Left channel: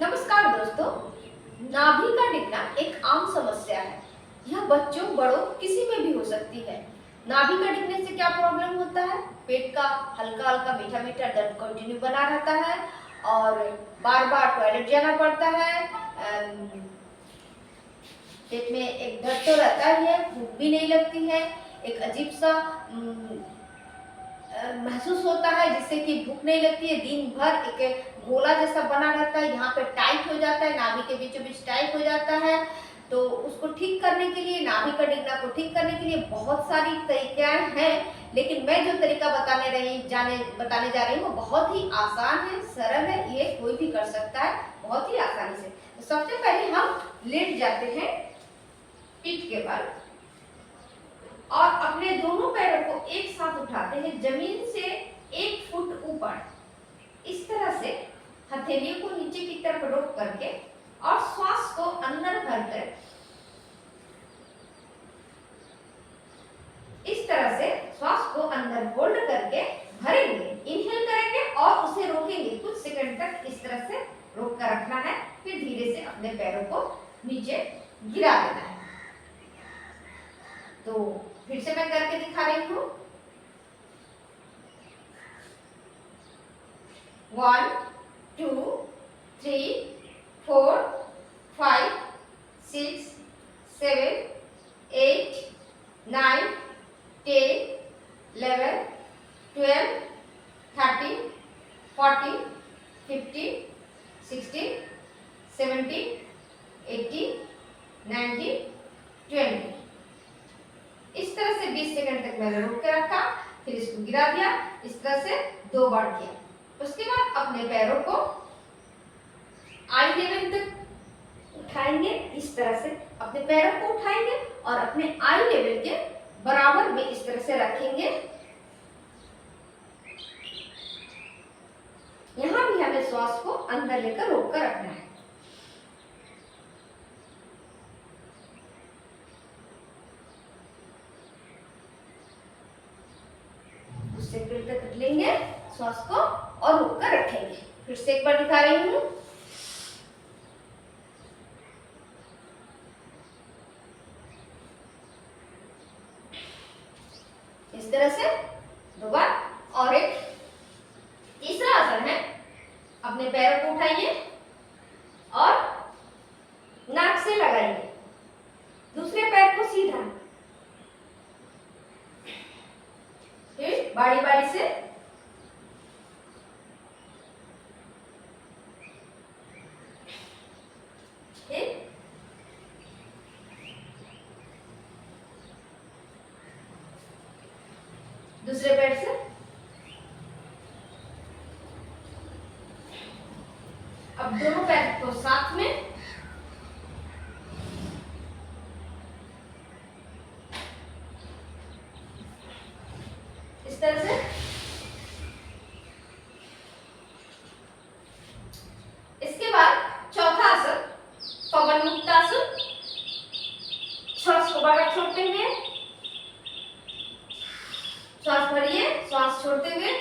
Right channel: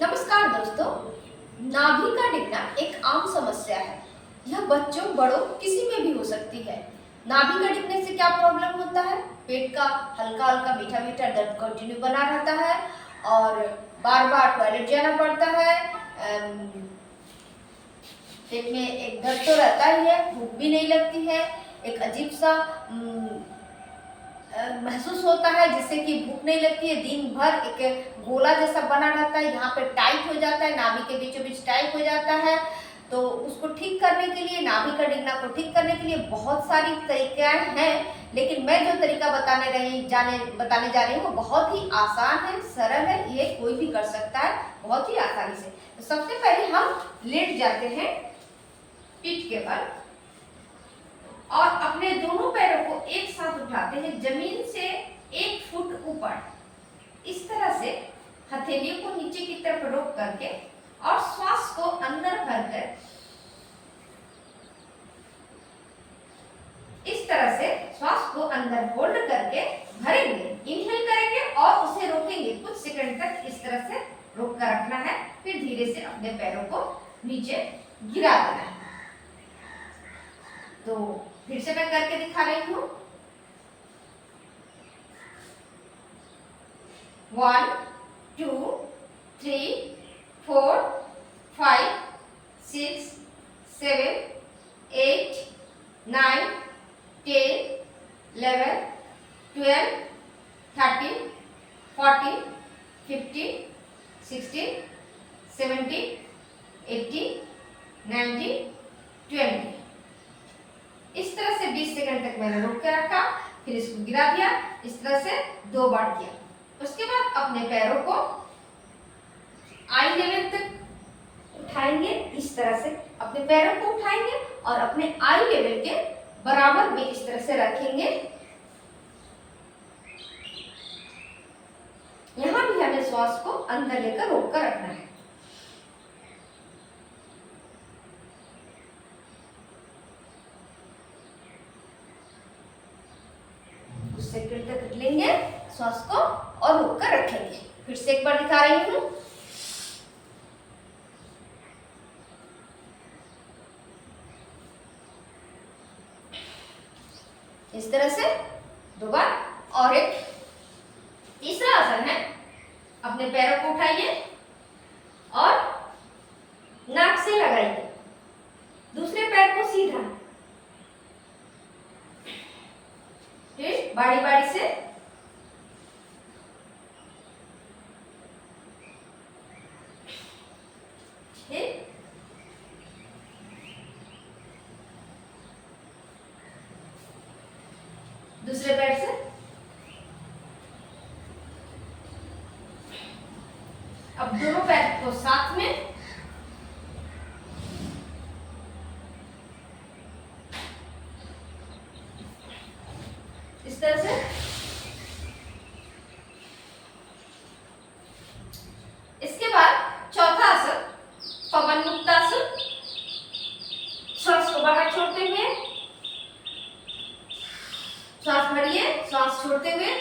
नमस्कार दोस्तों। नाभि का डिगना एक आम समस्या है। यह बच्चों बड़ों किसी में भी हो सकती है। नाभि का डिगने से क्या प्रॉब्लम होता है? पेट का हल्का हल्का मीठा मीठा दर्द कंटिन्यू बना रहता है और बार बार टॉयलेट जाना पड़ता है। पेट में एक दर्द तो रहता ही है, भूख भी नहीं लगती है। एक अजीब सा महसूस होता है जिससे कि भूख नहीं लगती है। दिन भर एक गोला जैसा बना रहता है, यहाँ पे टाइट हो जाता है, नाभि के बीचों बीच टाइट हो जाता है। तो उसको ठीक करने के लिए, नाभि का डिगना को ठीक करने के लिए बहुत सारी तरीकाएं हैं, लेकिन मैं जो तरीका बताने जा रही हूँ वो बहुत ही आसान है, सरल है, ये कोई भी कर सकता है बहुत ही आसानी से। तो सबसे पहले हम लेट जाते हैं पीठ के बल और अपने दोनों पैरों को एक साथ उठाते हैं जमीन से 1 फुट ऊपर। इस तरह से हथेलियों को नीचे की तरफ रोक करके और श्वास को अंदर भरकर इस तरह से श्वास को अंदर होल्ड करके भरेंगे, इनहेल करेंगे और उसे रोकेंगे कुछ सेकंड तक। इस तरह से रोक कर रखना है, फिर धीरे से अपने पैरों को नीचे गिरा देना है। तो फिर से मैं करके दिखा रही हूँ। 1 2 3 4 5 6 7 8 9 10 11 12 13 14 15 16 17 18 19 20। इस तरह से 20 सेकंड तक मैंने रोक के रखा, फिर इसको गिरा दिया। इस तरह से 2 बार किया। उसके बाद अपने पैरों को आई लेवल तक उठाएंगे। इस तरह से अपने पैरों को उठाएंगे और अपने आई लेवल के बराबर में इस तरह से रखेंगे। यहां भी हमें श्वास को अंदर लेकर रोक कर रखना है। सेकंड तक लेंगे श्वास को और रोक कर रखेंगे। फिर से एक बार दिखा रही हूँ। इस तरह से 2 बार। और एक तीसरा आसन है, अपने पैरों को उठाइए और नाक से लगाइए, दूसरे पैर को सीधा, फिर बारी बारी से दूसरे पैर से। अब दोनों पैर को साथ में इस तरह से। इसके बाद चौथा आसन पवन मुक्तासन। श्वास को बाहर छोड़ते हुए, श्वास भरिए, श्वास छोड़ते हुए,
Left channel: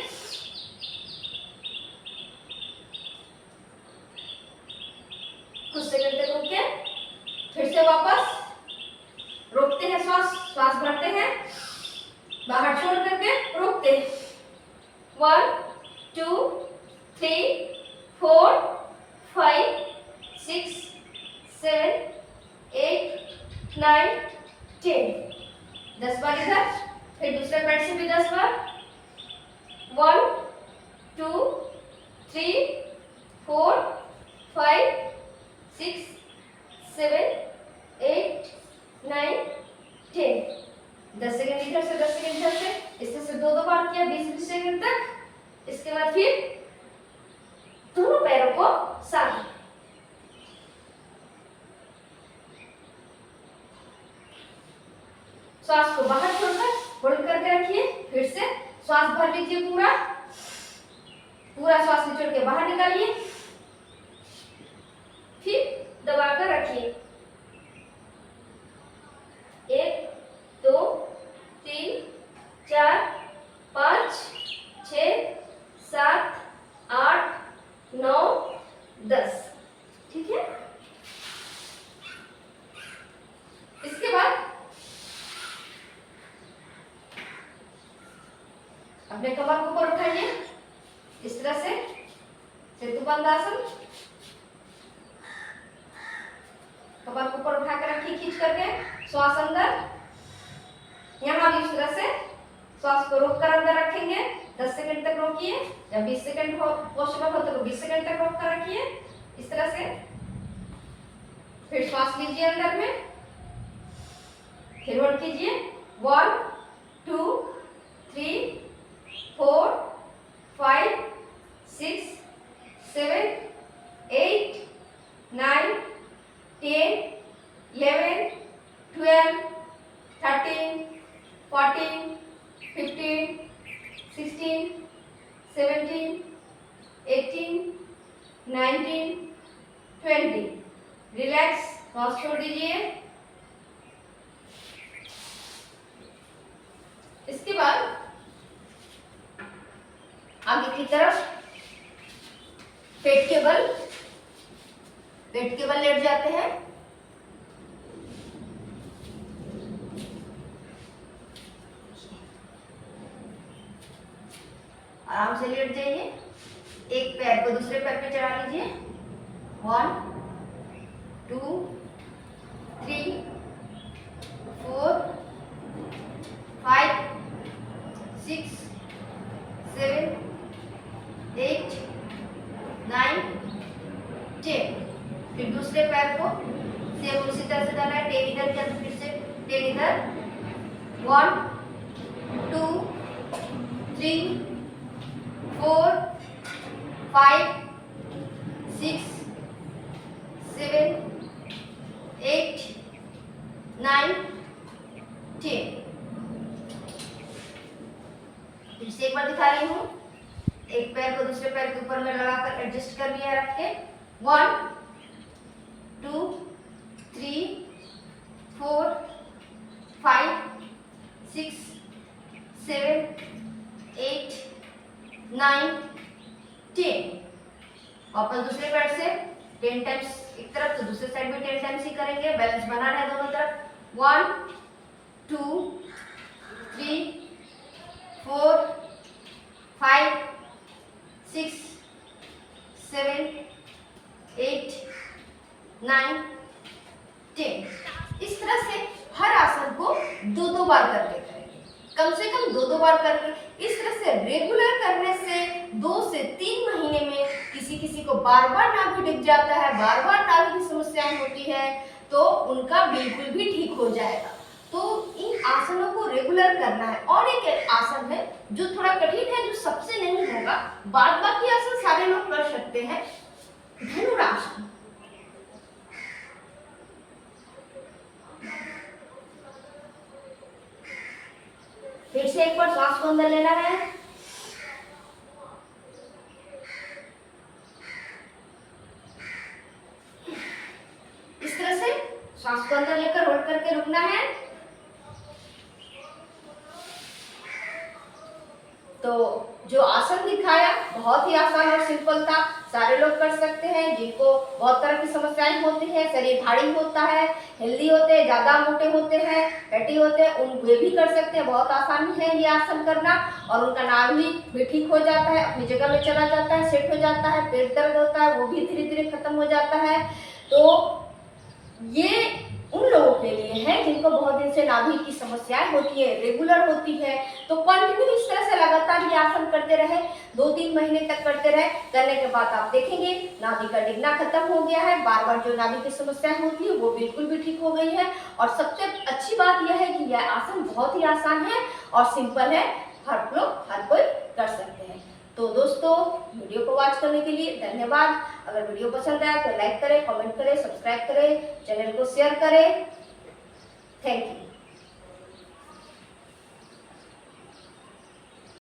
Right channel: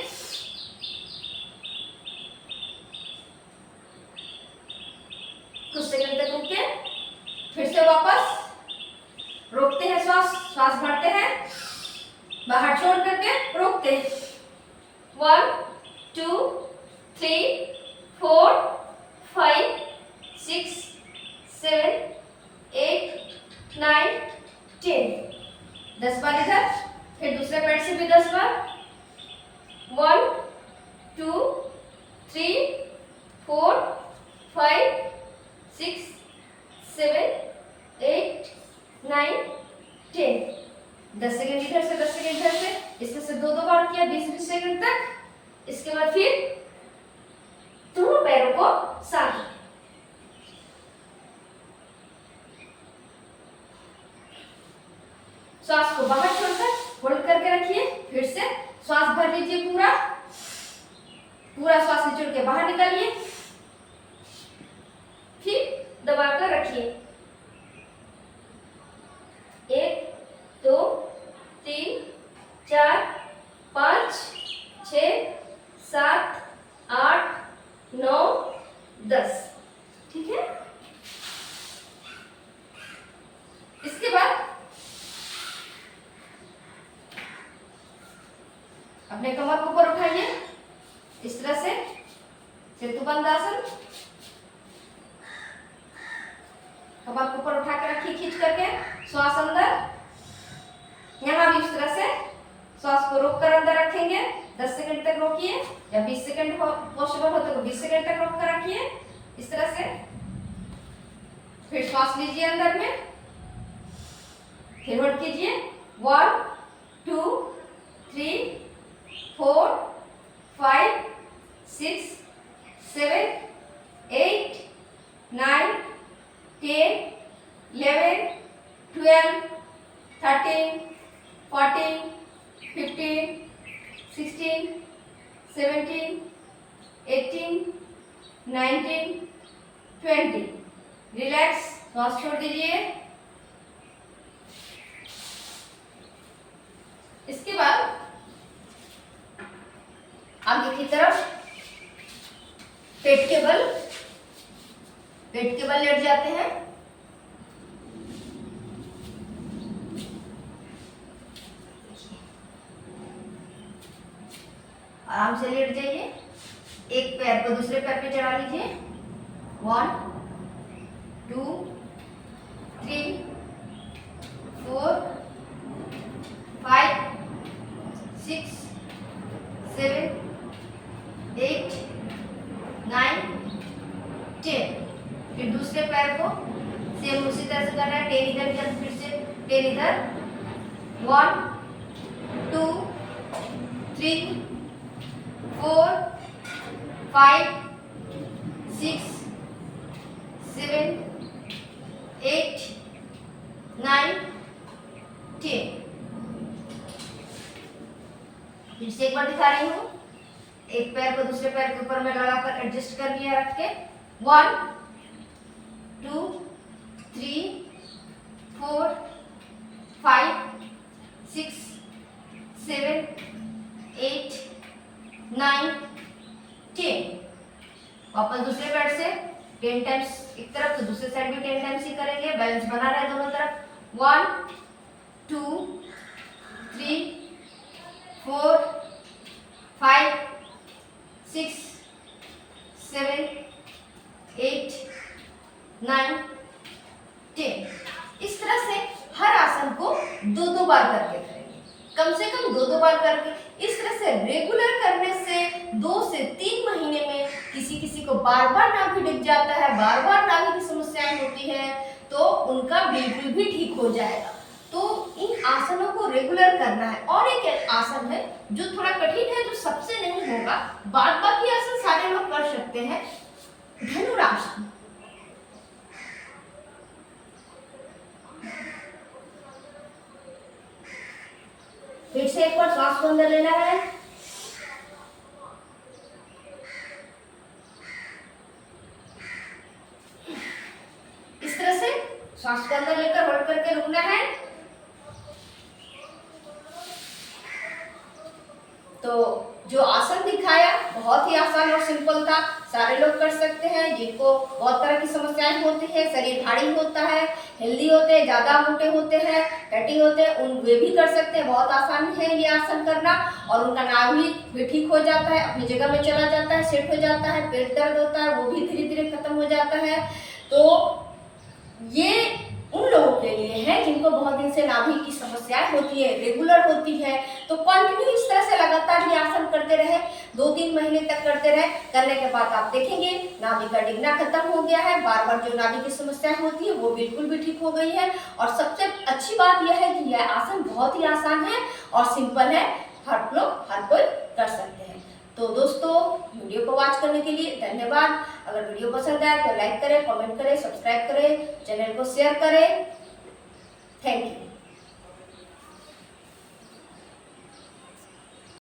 कुछ सेकंड तक रुक के फिर से वापस रोकते हैं, श्वास भरते हैं, बाहर छोड़ करके रोकते हैं। 1 2 3 4 5 6 7 8 9 10। 10 बार इधर, फिर दूसरे पैर से भी 10 बार। 1 2 3 4 5 6 7 8 9 10। 10 सेकंड इधर से, 10 सेकंड इधर से। इसमें से 2 बार किया 20 सेकंड तक। इसके बाद फिर दोनों पैरों को साथ, श्वास को बाहर छोड़कर होल्ड करके रखिए। फिर से श्वास भर लीजिए, पूरा श्वास निचोड़ के बाहर निकालिए, फिर दबाकर रखिए। 1 2 3 4 5 6 7 8 9 10। सेतुबंध आसन। कमर को ऊपर उठा के रखिए खींच करके, श्वास अंदर। यहाँ भी इस तरह से श्वास को रोक कर अंदर रखेंगे, 10 सेकंड तक रोकिए, या 20 सेकंड पॉसिबल हो तो 20 सेकंड तक रोक कर रखिए इस तरह से। फिर श्वास लीजिए अंदर में, फिर होल्ड कीजिए, 1 2 3 4 5 6 7 8 9 10 11 12 13 14 15 16 17 18 19 20। रिलैक्स, श्वास छोड़ दीजिए। इसके बाद आगे की तरफ पेट के बल लेट जाते हैं। आराम से लेट जाइए, एक पैर को दूसरे पैर पे चढ़ा लीजिए। 1 2 3 4 5 6 7 8 9 10। फिर दूसरे पैर को सेम उसी तरह से करना है, टेन इधर किया फिर से टेन इधर। 1 2 3 4 5 6 7 8 9 10। फिर से एक बार दिखा रही हूँ, एक पैर को दूसरे पैर के ऊपर में लगाकर एडजस्ट कर लिया रख के। 1 2 3 4 5 6 7 8 9 10। वापस दूसरे पैर से 10 टाइम्स एक तरफ तो दूसरे साइड में 10 टाइम्स ही करेंगे, बैलेंस बना रहे दोनों तरफ। 1 2 3 4 5 6 7 8 9 10। इस तरह से हर आसन को 2-2 बार करके करेंगे, कम से कम 2-2 बार करके। इस तरह से रेगुलर करने से 2 से 3 महीने में किसी को बार बार नाभि दिख जाता है, बार बार नाभि की समस्याएं होती है, तो उनका बिल्कुल भी ठीक हो जाएगा। तो इन आसनों को रेगुलर करना है। और एक आसन है जो थोड़ा कठिन है, जो सबसे नहीं होगा, बाद बाकी आसन सारे लोग कर सकते हैं, धनुरासन। फिर से एक बार श्वास को अंदर लेना है, इस तरह से श्वास को अंदर लेकर होल्ड करके रुकना है। तो जो आसन दिखाया बहुत ही आसान और सिंपल था, सारे लोग कर सकते हैं। जिनको बहुत तरह की समस्याएं होती है, शरीर भारी होता है, हेल्दी होते हैं, ज्यादा मोटे होते हैं, फैटी होते हैं, वे भी कर सकते हैं। बहुत आसानी है ये आसन करना, और उनका नाभि भी ठीक हो जाता है, अपनी जगह में चला जाता है, सेट हो जाता है। पेट दर्द होता है वो भी धीरे धीरे खत्म हो जाता है। तो ये उन लोगों के लिए है जिनको बहुत दिन से नाभि की समस्याएं होती है, रेगुलर होती है। तो कंटिन्यू इस तरह से लगातार ये आसन करते रहे, 2-3 महीने तक करते रहे। करने के बाद आप देखेंगे नाभि का डिगना खत्म हो गया है, बार बार जो नाभि की समस्याएं होती है वो बिल्कुल भी ठीक हो गई है। और सबसे अच्छी बात यह है कि यह आसन बहुत ही आसान है और सिंपल है, हर लोग हर कोई कर सकते हैं। तो दोस्तों, वीडियो को वॉच करने के लिए धन्यवाद। अगर वीडियो पसंद आए तो लाइक करें, कमेंट करें, सब्सक्राइब करें, चैनल को शेयर करें। Thank you.